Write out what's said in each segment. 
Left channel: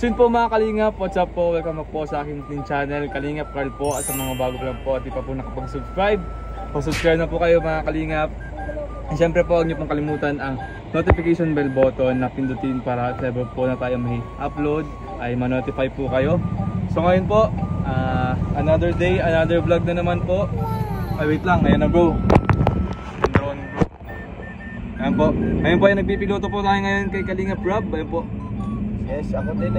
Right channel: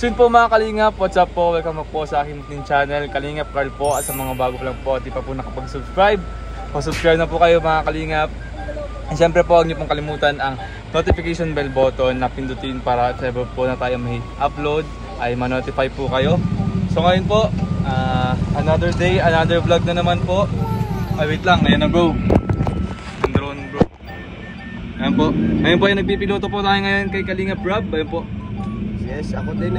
So yun po mga Kalingap, what's up po? Welcome po sa aking munting channel, Kalingap Carl po. At sa mga bago pa lang po at di pa po nakapag-subscribe, pa-subscribe na po kayo mga Kalingap. And syempre po, huwag niyo pong kalimutan ang notification bell button na pindutin para at ever po na tayo may upload ay ma-notify po kayo. So ngayon po, another day, another vlog na naman po. Ay wait lang, ayan na bro. Ang drone bro. Ayan po, ngayon po ay nagpipiloto po tayo ngayon kay Kalingap Rob. Ayan po. Yes, ako din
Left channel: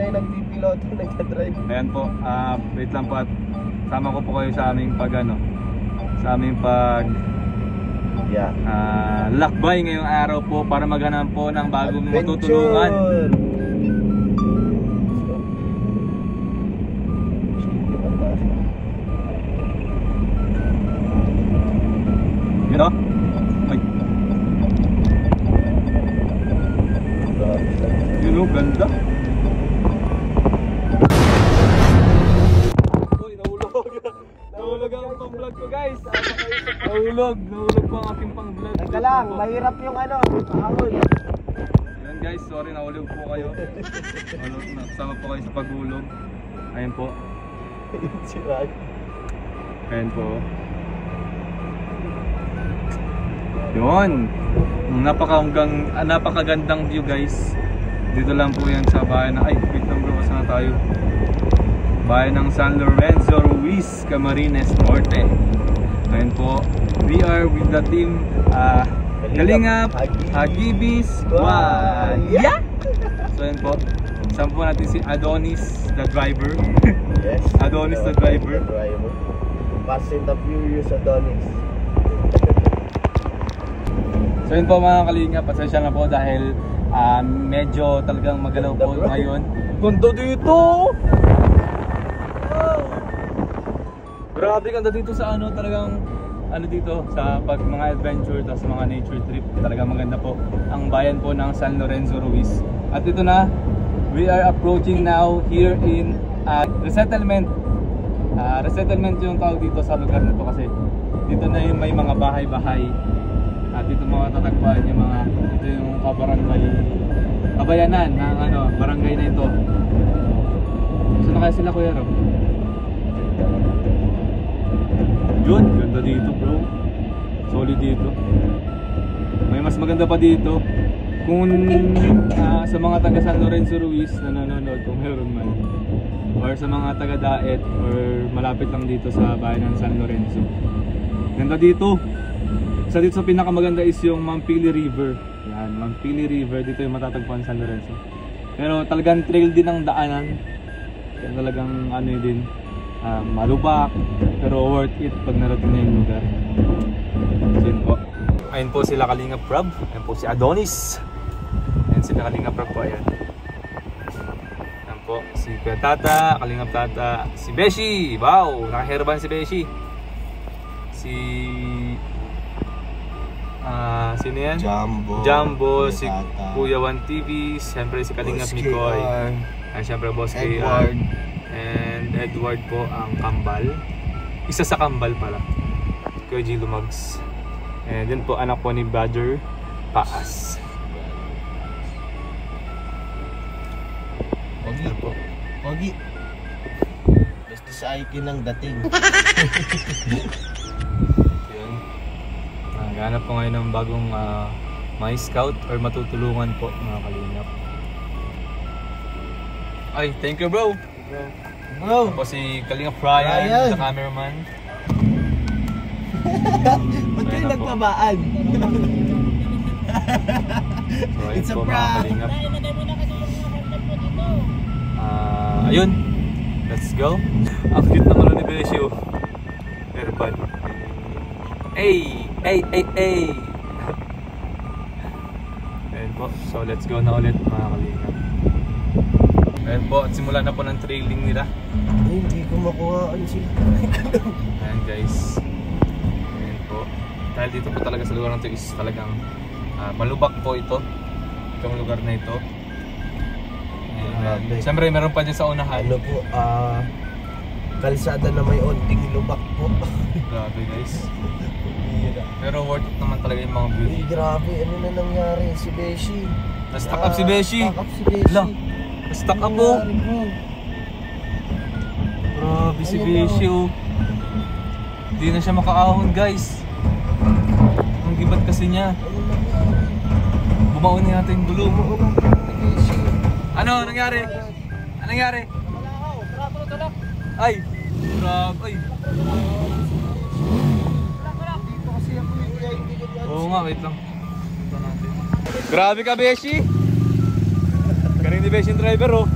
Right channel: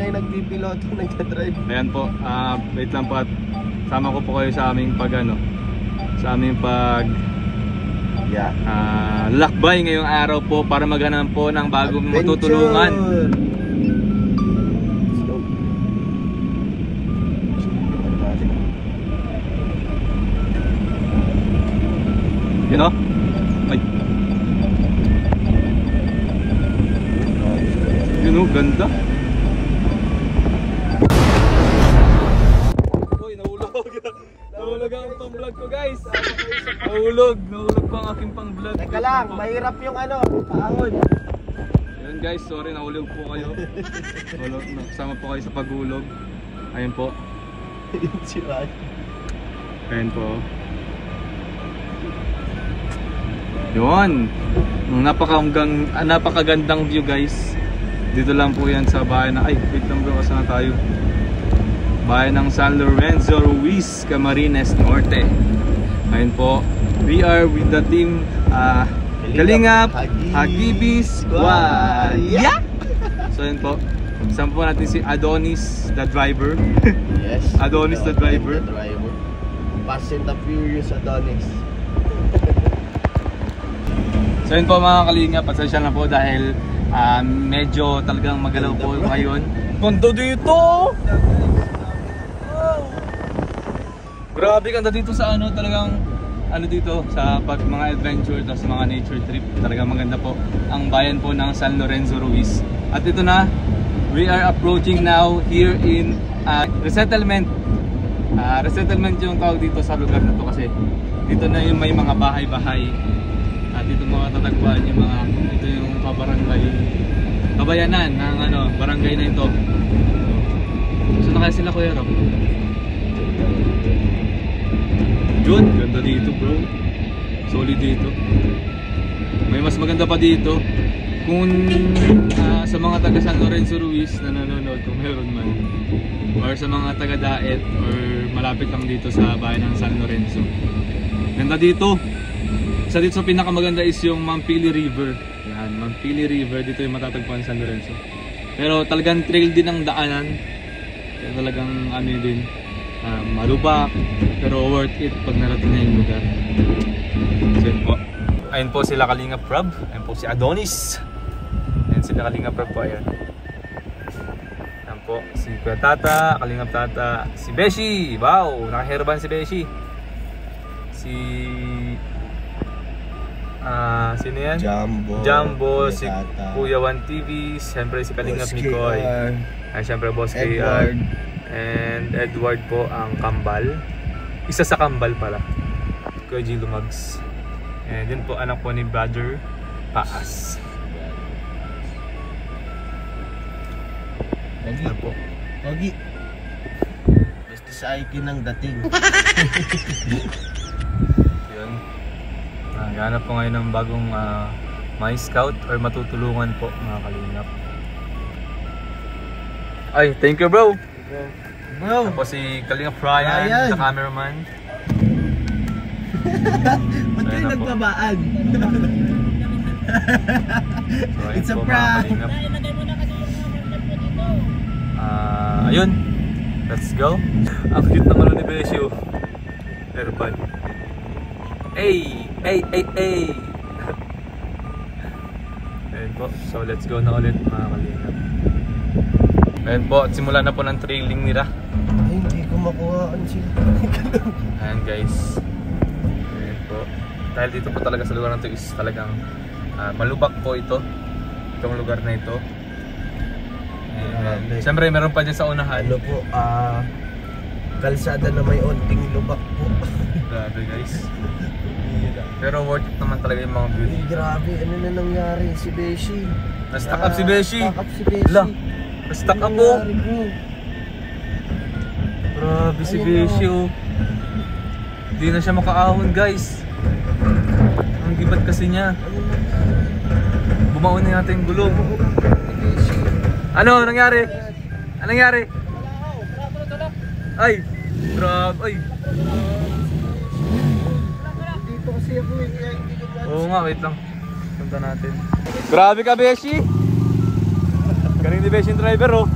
ay nagpipiloto, nagdadrive. Ayan po, wait lang po at sama ko po kayo sa aming sa aming lakbay ngayong araw po para maghanap po ng bagong matutulungan. You know? Ay. You know, ganda. Uy, nahulog ang pang vlog ko guys. Nahulog pa ang aking pang vlog. Teka lang, mahirap yung ahon. Yun guys, sorry nahulog po kayo. Kasama po kayo sa paghulog. Ayun po. Yun si Ray. Ayun po. Yun. Napakagandang view guys. Dito lang po yan sa bayan na, ay wait lang bro, saan na tayo? Bayan ng San Lorenzo Ruiz, Camarines Norte. Ayun po, we are with the team Kalingap Hagibis Squad. Yeah! So ayun po, isang po natin si Adonis the driver. Yes, Adonis the driver. Fast and the Furious Adonis. So yun po mga Kalingap, pasensya na po dahil medyo talagang magalaw po ngayon. Ganda dito! Grabe, ganda dito sa talagang dito sa mga adventure at sa mga nature trip. Talagang maganda po ang bayan po ng San Lorenzo Ruiz. At ito na, we are approaching now here in resettlement. Resettlement yung tawag dito sa lugar na to kasi dito na yung may mga bahay-bahay. At dito mo tatagpuan yung ito yung kabayanan ng barangay na ito. So na kaya sila Kuya Rob? Yun, ganda dito bro. Solid dito. May mas maganda pa dito. Kung sa mga taga San Lorenzo Ruiz na nanonood, kung meron man, or sa mga taga Daet or malapit lang dito sa bayan ng San Lorenzo, ganda dito. Isa dito sa pinakamaganda is yung Mampili River. Yan, Mampili River, dito yung matatagpuan sa San Lorenzo. Pero talagang trail din ang daanan. Kaya talagang din, malubak, pero worth it pag narating na yung lugar. So yun po. Ayun po sila Kalingap Rob. Ayun po si Adonis. Ayun sila Kalingap Rob po, ayun. Ayun po, si Kuya Tata, Kalingap Tata, si Beshi. Wow, nakaherban si Beshi. Sino yan? Jumbo, si Kuya One TV, siyempre si Kalingap Mikoy, siyempre Boss KR, and Edward po ang kambal. Isa sa kambal pala, Kuya G Lumags. And yun po anak po ni Brother Paas. Pogi. Basta sa ikin ng dating. Yun. Naghanap po ngayon ng bagong may scout or matutulungan po mga Kalingap. Ay, thank you bro. Bro. Tapos si Kalingap Ryan, sa cameraman. Ba't kayo nagpabaan? So, it's a prank. Ayun. Let's go. Ang cute naman ni Besio. Airpad. Hey! Ayun po. So let's go na ulit mga Kalingap. Ayun po. Simula na po ng trailing nila. Ay, hindi ko makuha ang sila. Ayan guys. Ayun po. Dahil dito po talaga sa lugar na ito is talagang malubak po ito. Itong lugar na ito. Siyempre meron pa dyan sa unahan. Kalsada na may onting lubak po. Grabe guys. Pero worth it naman talaga yung mga view. Grabe, ano na nangyari si Beshi? Na-stack up si Beshi. Stack up si Beshi. Stuck ako. Grabe si Beshi oh. Hindi na siya makaahon guys. Ang gibat kasi niya. Bumaon na natin yung gulong. Ano nangyari? Anong nangyari? Ay, grabe. Ay. Dito kasi ako kaya hindi ko. Oo nga, wait lang. Punta natin. Grabe ka, Beshi. Galing ni Beshi yung driver oh.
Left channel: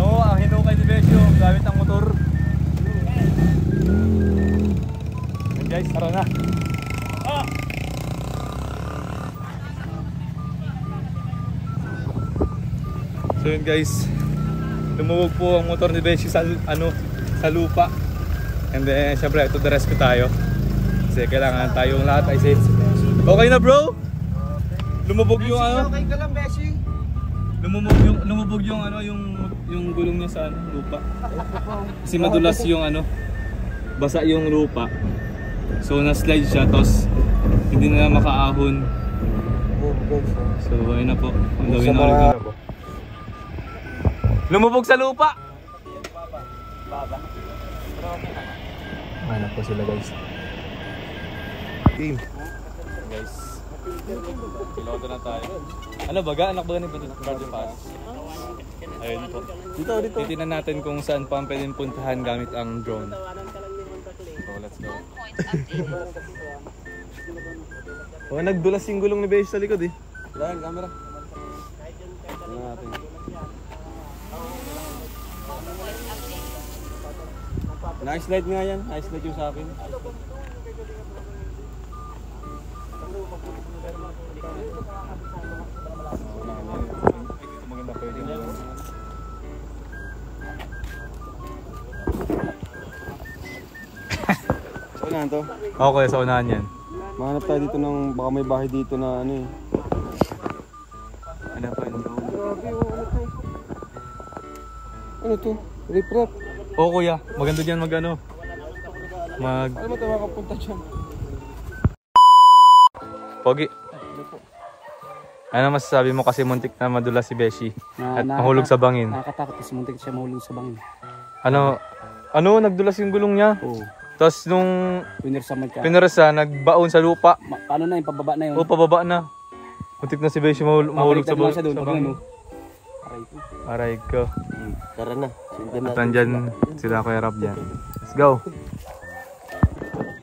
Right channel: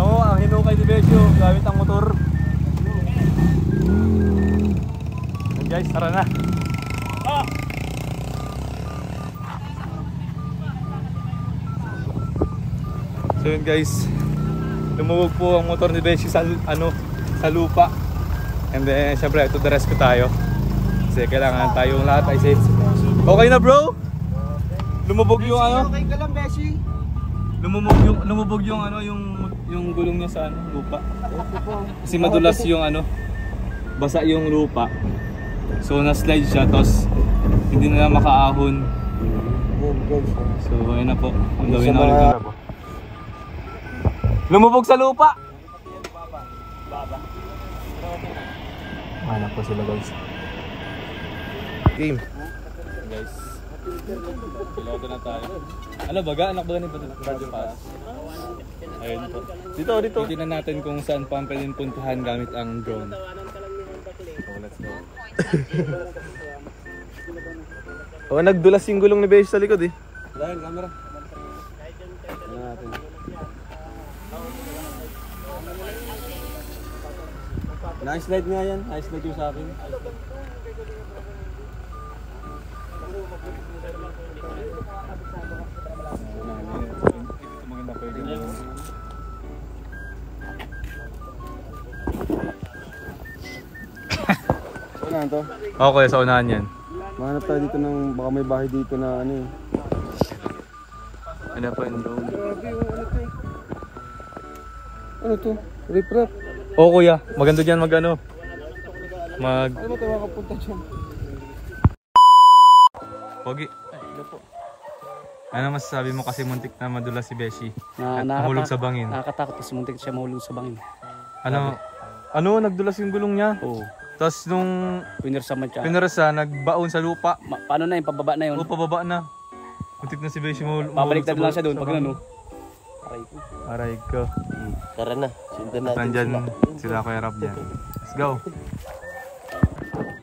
Oo, ang hinukay ni Beshi oh. Gamit ang motor. Guys, tara na. Ah! So yun guys, lumuwag po ang motor ni Beshi sa sa lupa. And then syempre ito the rescue tayo. Kasi kailangan tayong lahat ay safe. Okay na bro? Lumubog yung Okay ka lang, Beshi. Lumubog yung yung gulong niya sa lupa. Kasi madulas yung basa yung lupa. So na-slide siya tapos hindi na makaahon. So ayun na po. Ang gawin na ulit. Lumubog sa lupa. Ano po sila guys. Game. Guys. Piloto na tayo. Ano baga? Anak baga ni Bardo Pass? Ayun po. Dito. Titignan natin kung saan pa pwedeng puntahan gamit ang drone. So let's go. Oh, nagdulas yung gulong ni Beshi sa likod eh. Dahil camera. Ano natin? Nice light nga yan. Nice light yung sa akin. Ito maganda pwede mo yun. So na to. Okay, sa unahan yan. Mahanap tayo dito ng baka may bahay dito na ano eh. Ano pa yung drone? Grabe yung ano to. Ano to? Rip-rap. Oo kuya, maganda dyan Ano ba ito makapunta dyan? Pogi. Ano masasabi mo kasi muntik na madulas si Beshi at mahulog sa bangin? Nakakatakot kasi muntik siya mahulog sa bangin. Ano nagdulas yung gulong niya? Oo. Tapos nung Pinirsaman siya. pinarasa, nagbaon sa lupa. Paano na yung pababa na yun? O pababa na. Muntik na si Beshi mahulog Pabaliktad sa lang siya doon pag bangin. ano. Aray ko. Tara na. Sundan At nandyan sila Kuya Rab dyan. Let's go!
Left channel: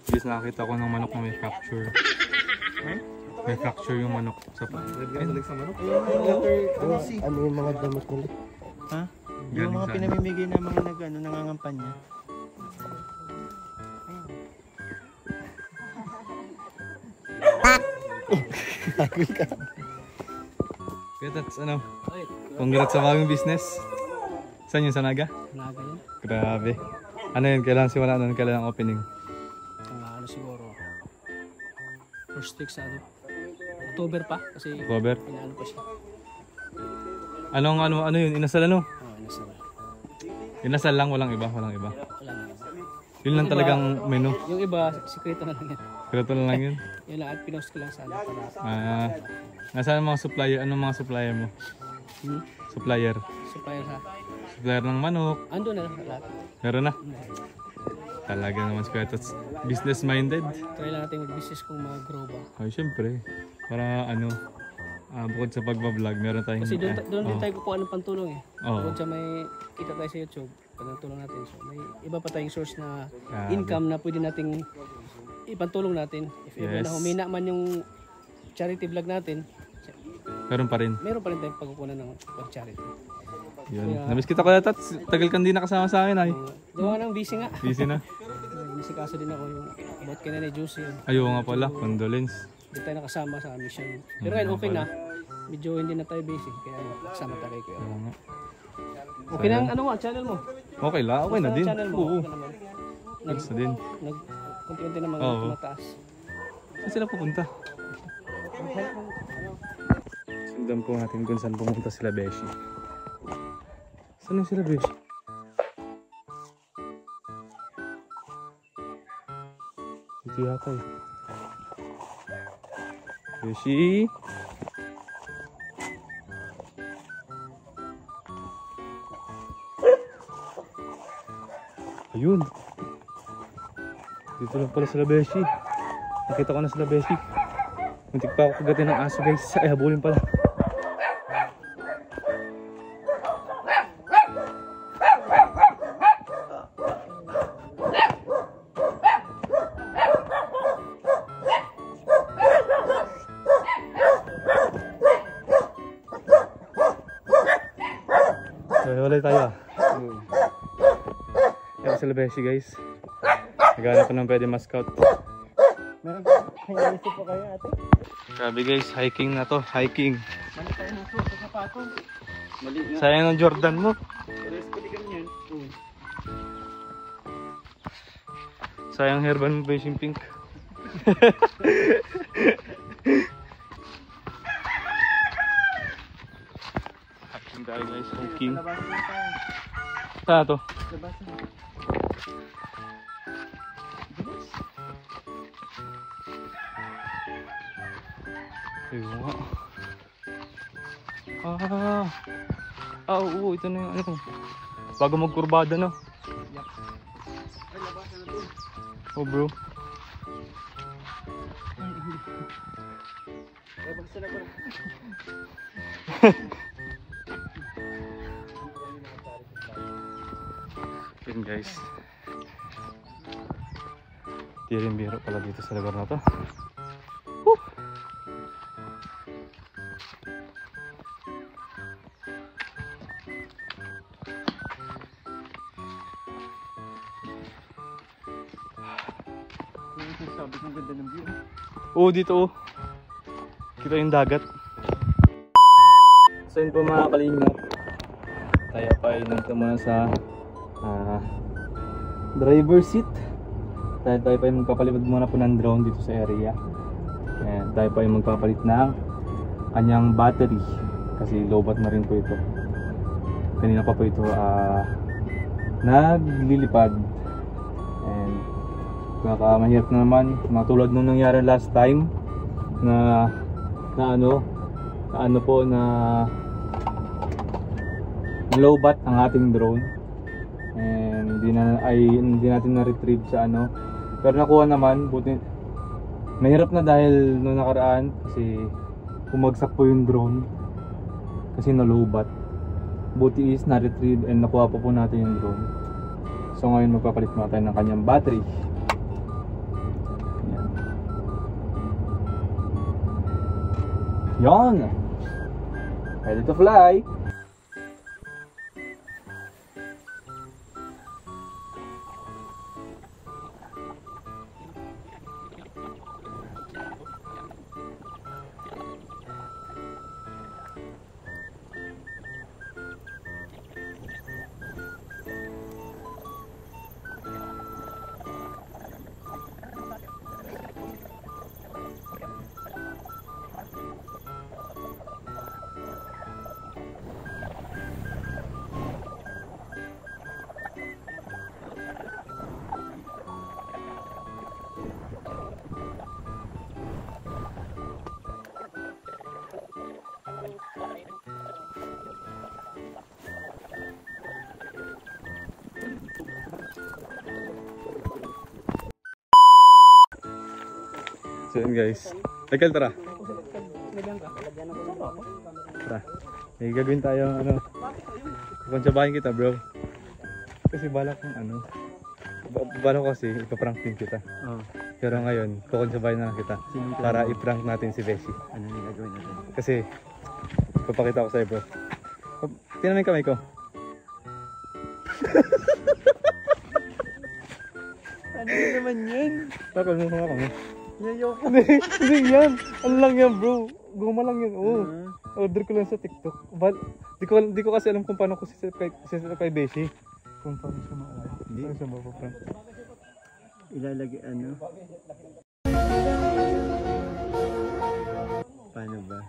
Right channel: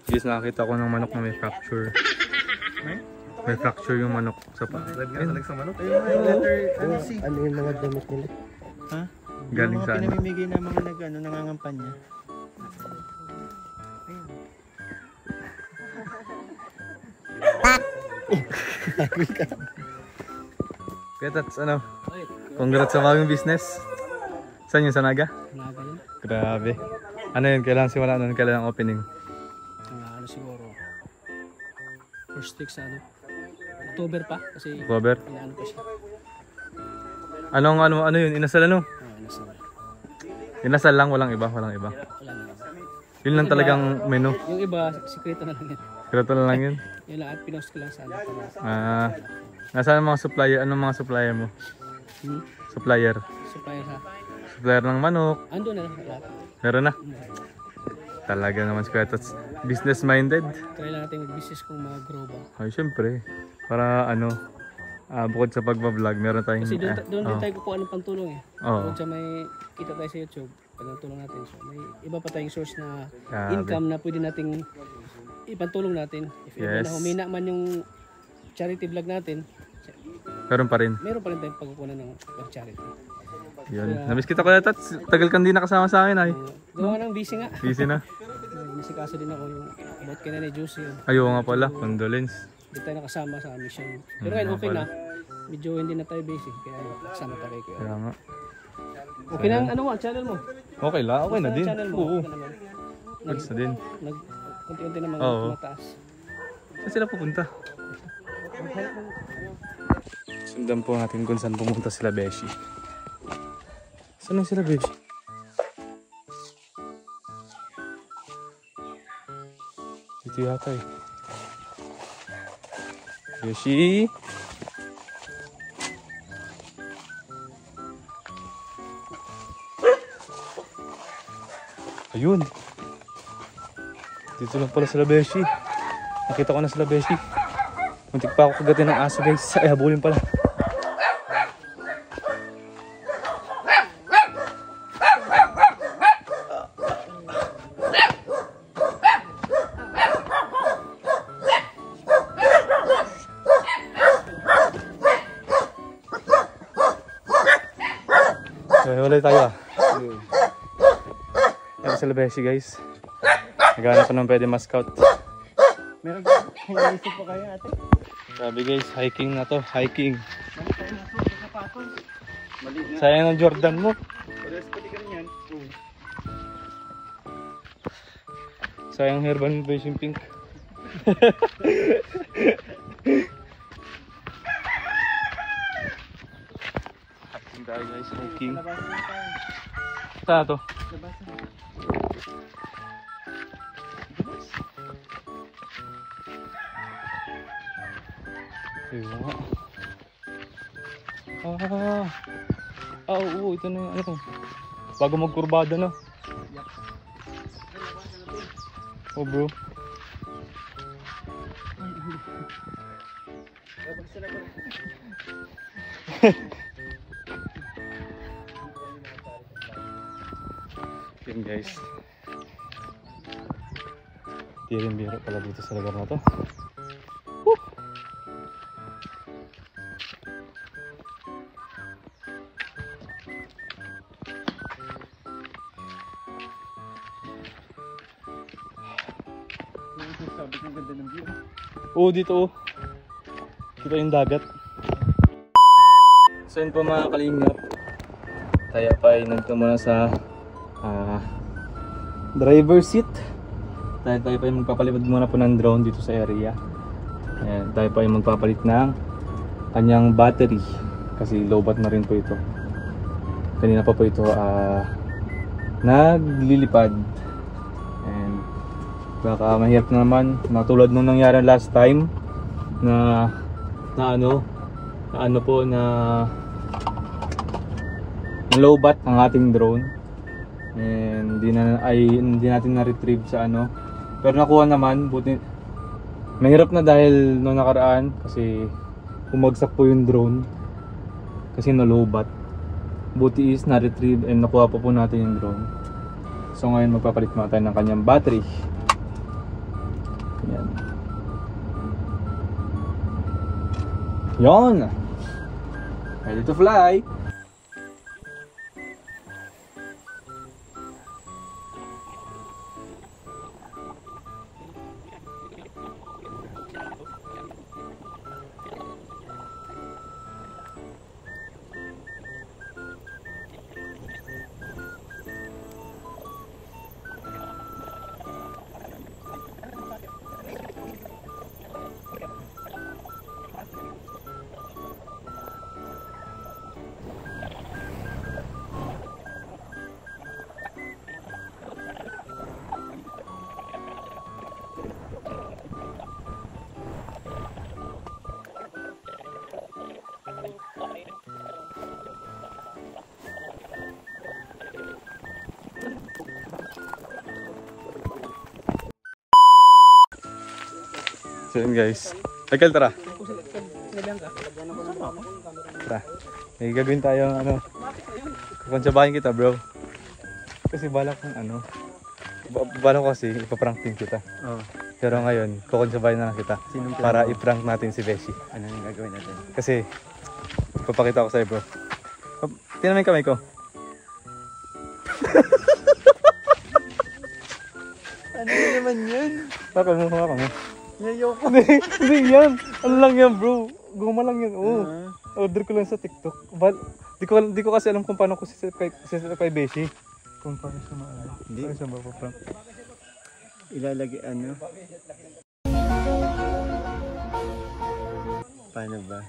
Guys, nakakita ko ng manok na may fracture. May fracture yung manok sa paa. Ayun, sa manok? Ano yung mga damit nila? Ha? Yung Galing mga saan? pinamimigay ng mga nangangampanya. Kaya Tats, congrats sa bagong business. Saan yun? Sa Naga? Naga yun. Grabe. Ano yun? Kailangan simula nun? Kailangan ang opening? Ano siguro. First week sa October pa kasi October? inaano pa siya. Ano yun? Inasal ano? Nasa. Inasal lang? Walang iba? Walang iba? Wala na. Yun lang talagang menu? Yung iba, sikreto na lang yan. Kreto na lang yun? Yun lang at pinost ko lang sa Nasaan ang mga supplier? Anong mga supplier mo? Supplier? Supplier sa. Supplier ng manok? Ando na lahat. Meron na? Talaga naman si Kuya Tats. Business minded? Try lang natin mag-business kung mag-grow ba. Ay, syempre. Para bukod sa pagbablog, meron tayong... Kasi doon din tayo kukuha ng pantulong eh. Oo. Bukod sa may kita tayo sa YouTube, pagtulong natin. So may iba pa tayong source na Grabe. income na pwede nating ipantulong natin. If ever Yes. na humina man yung charity vlog natin, Meron pa rin. meron pa rin tayong pagkukunan ng charity. Yun. Namiss kita Kuya Tats. Tagal kang di nakasama sa akin ay. Gawa ng busy nga. Busy na. Nasikaso din ako yung about kay Nanay Juicy yun. Ayaw nga pala. Condolence. Hindi tayo nakasama sa mission. Pero ngayon okay na. Medyo hindi na tayo busy. Kaya nakasama tayo kay Kuya. Kaya nga. Okay na ang channel mo. Okay lang. Okay na din. Channel mo. Oo. Okay naman. Goods na din. Kunti-unti naman Oo. tumataas. Saan sila pupunta? Sundan po natin kung saan pumunta sila Beshi. Saan na sila Beshi? Dito yata eh. Beshi! Ayun. Dito lang pala sila Beshi. Nakita ko na sila Beshi. Muntik pa ako kagatin ng aso guys. Ay, habulin pala. So, hiwalay tayo ah. Yan sila Beshi guys. Naghanap ko ng pwede ma-scout. Meron ka, naisip pa kayo ate? Grabe guys, hiking na to. Hiking. Mali tayo ng suot sa sapatos. Mali nga. Sayang ng Jordan mo. Pares pati ka yan. Sayang Herban mo Beshi pink. Hiking tayo guys, hiking. Labasan na tayo. Saan to? Labasan na. Ayun nga. Oo, ito na yung ano to. Bago magkurbada no? Oh bro. Labag sila ko. Yun guys. Di rin biro pala dito sa lugar na to. Sabi kong ganda ng view. Oo, dito oh. Dito yung dagat. So yun po mga kalingap. Tayo pa ay nagtama sa driver seat. Tayo pa ay magpapalipad muna po ng drone dito sa area. Ayan, tayo pa ay magpapalit ng kanyang battery. Kasi lowbat na rin po ito. Kanina pa po ito naglilipad. And baka mahirap na naman matulad nung nangyari last time na lowbat ang ating drone and hindi natin na-retrieve sa pero nakuha naman. Buti mahirap na dahil nung nakaraan kasi bumagsak po yung drone kasi na-lowbat. Buti is na-retrieve and nakuha po natin yung drone. So ngayon magpapalit muna tayo ng kanyang battery. Yan. Yon. Ready to fly. So yun guys. Michael, tara. Tara. May gagawin tayo kukonsabahin kita bro. Kasi balak kong balak ko kasi ipaprank din kita. Oo. Pero ngayon, kukonsabahin na lang kita. Sinong Para plano? i-prank natin si Beshi. Ano yung gagawin natin? Kasi papakita ko sa'yo bro. Tingnan mo yung kamay ko. Ano naman yun? Bakal mo. Yayoko. Hindi yan. Ano lang yan bro. Guma lang yan. Oo. Order ko lang sa TikTok. Di ko kasi alam kung paano ko siset kay Beshi. Kung paano siya maalala. Hindi. Paano siya mapaprank. Ilalagay paano ba?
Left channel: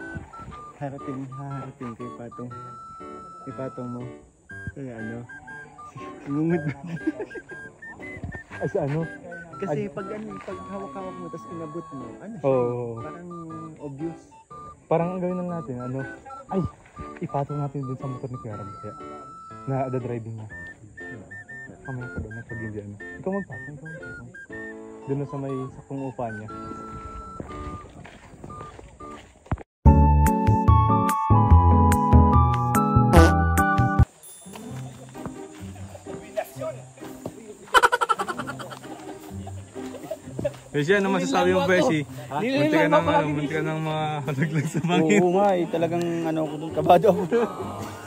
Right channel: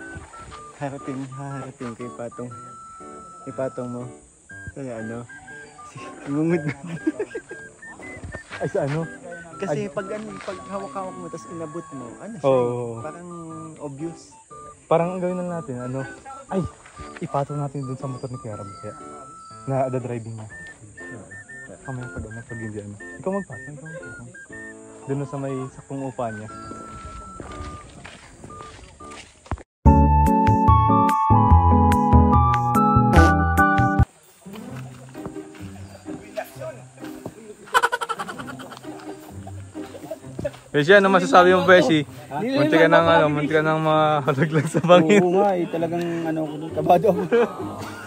Haharating kay patong mo. Kaya ngungud. Ay sa Kasi pag hawak-hawak mo tapos inabot mo, siya Oo. parang obvious. Parang ang gawin na natin, ipatong natin dun sa motor ni Kaya na driving na. Kamaya pa doon, pag hindi ano. Ikaw magpasok, doon sa may sakong upa niya. Beshi, ano masasabi mo, Beshi? Munti ka nang mahalaglag sa bangin. Oo nga talagang ano ako doon, kabado ako.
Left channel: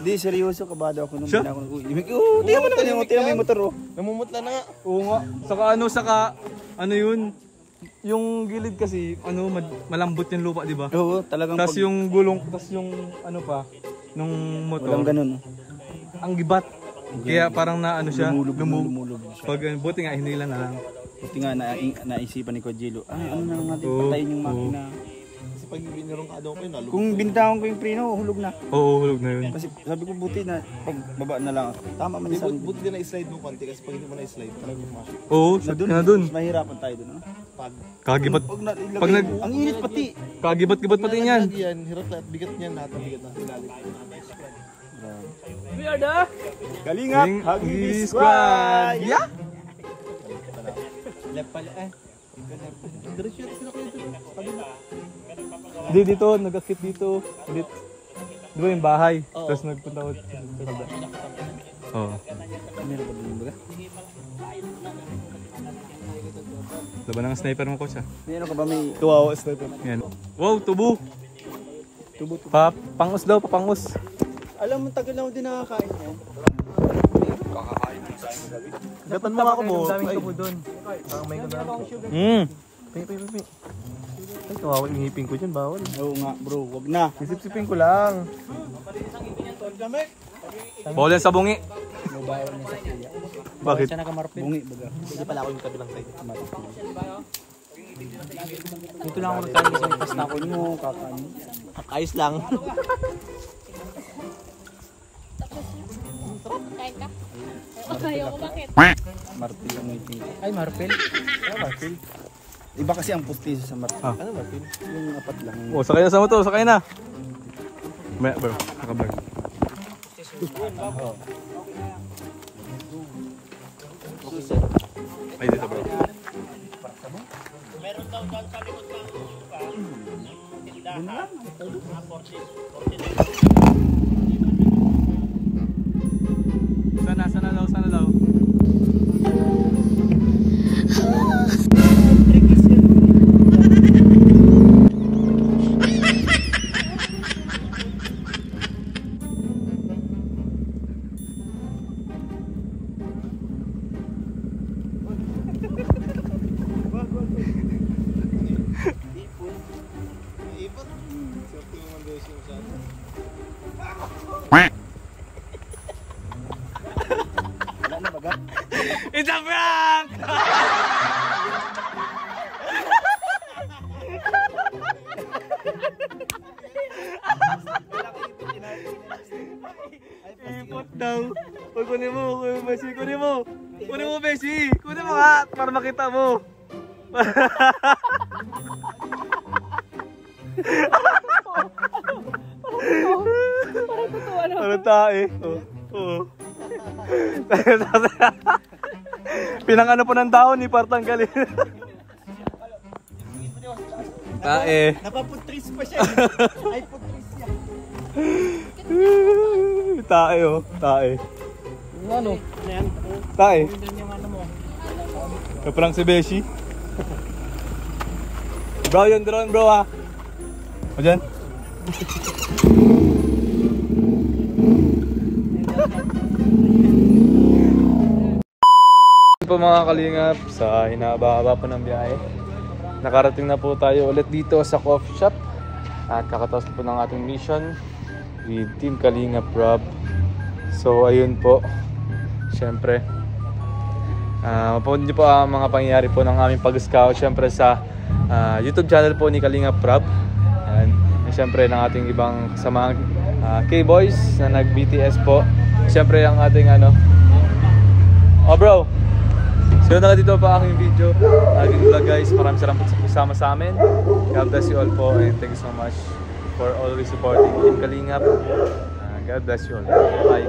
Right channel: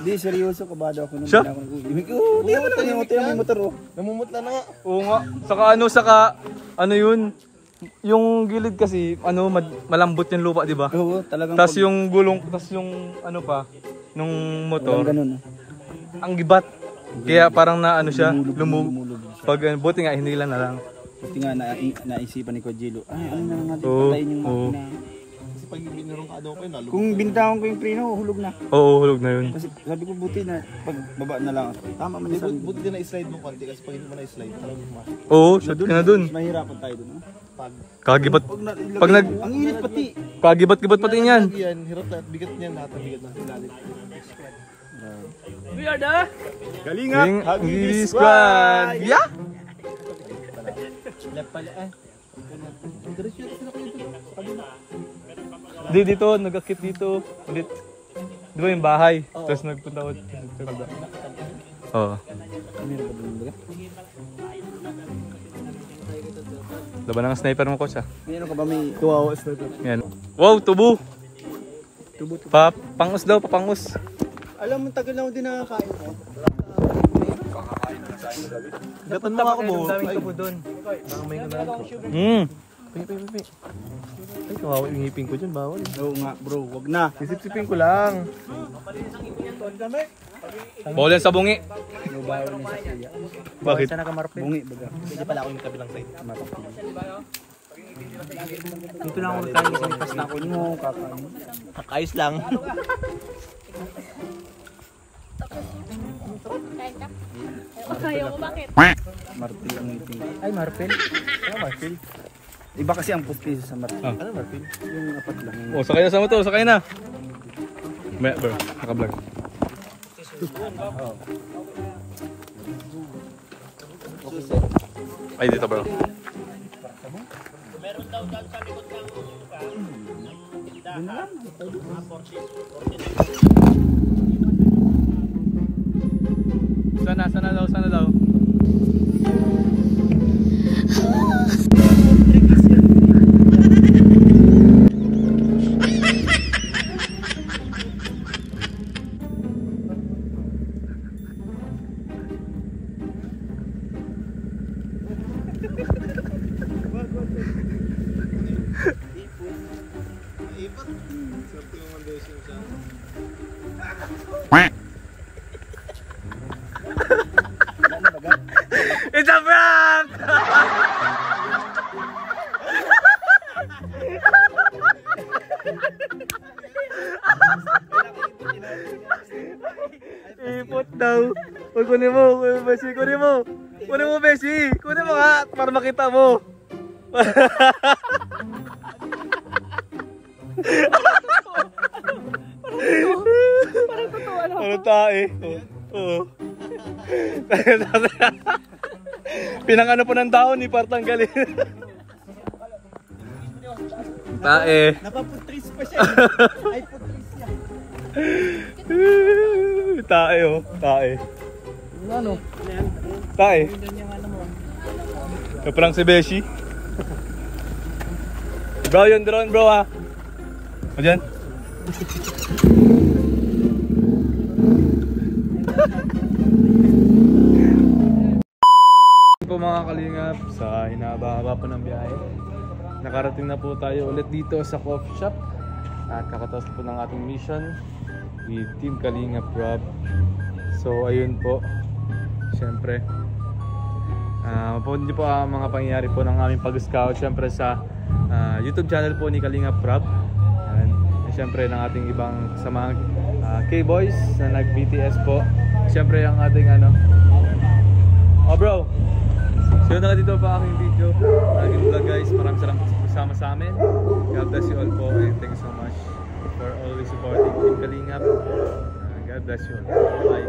Hindi, seryoso, kabado ako nung Siya? ako nag-uimik. Oo, tingnan mo naman yung motor oh. Namumutla na nga. Oo nga. Saka ano yun? Yung gilid kasi, malambot yung lupa, di ba? Oo, talagang Tapos yung gulong, tapos yung ano pa, nung motor, ganun. ang gibat. Kaya parang na ano siya, Lumulog siya. Pag buti nga, hinila na lang. Buti nga naisipan ni Kojilo, ano na nga din, Oo, patayin yung makina. Kasi pag binurong ka daw ko yun, Kung binitawan ko yung preno, hulog na. Oo, hulog na yun. Kasi sabi ko buti na pag baba na lang ako. Tama man sa Buti din na i-slide mo konti kasi pag hindi mo na i-slide, talagang pumasok. Oo, shot ka na dun. Mahirapan tayo dun. No? Kagibat. Pag Ang init pati. Kagibat-gibat pati yan. Yan, hirap lahat, bigat niyan, lahat ng bigat ng ilalim. Galingat! Hagis Squad! Yeah! Left pala eh. Ang diretso yata sila kayo dito. Kabila. Di dito, nag-akit dito. Di ba yung bahay? Tapos nagpunta ko. Oo. Meron ba dun baga? Laban ng sniper mo ko siya. Meron ka ba may tuwawa sniper? Yan. Wow, tubo! Tubo. Pangus daw, papangus. Alam mo, tagal na ako din nakakain ko. Gatan mo ako mo. Ay, kawawa yung ngipin ko dyan, bawal. Oo nga bro, wag na. Sisip-sipin ko lang. Bawal yan sa bungi. May bawal niya sa kuya. Bakit? Sana ka marpil? Bungi baga. Hindi pala ako yung kabilang side. Dito lang ako nagkain kasi may pasta ko mo. Ayos lang. Kain ka? Ayaw ko, bakit? Marpil ang ngipin. Ay, Marpel. Ay, Marpel. Iba kasi ang pustiso sa marpil. Ah. Ano Martin? Yung apat lang. Oh, sakay na sa motor, sakay na. Maya, bro. Naka-vlog. Ay, dito, bro. Sana daw. It's a prank! Ipot daw. Uy, kunin mo, Beshi, kunin mo. Kunin mo, Beshi. Kunin mo nga, para makita mo. Parang totoo, ano? Ano tae? Oo. Pinangano po ng daon ni Partanggalin. Tae. Napaputris pa siya. Ay, putris siya. Tae oh, tae. Ano? Tae. Kaprang si Beshi. Bro, yung drone bro ha. O dyan. Po mga kalingap, sa hinaba-haba po ng biyahe, nakarating na po tayo ulit dito sa coffee shop at kakatapos po ng ating mission with Team Kalingap Rob. So ayun po, syempre mapapanood niyo po ang mga pangyayari po ng aming pag-scout syempre sa YouTube channel po ni Kalingap Rob and syempre ng ating ibang kasamang K-Boys na nag-BTS po, syempre ang ating oh bro. So yun na dito pa aking video, aking vlog guys. Maraming salamat po kasama sa amin. God bless you all po and thank you so much for always supporting Team Kalingap. God bless you all. Bye.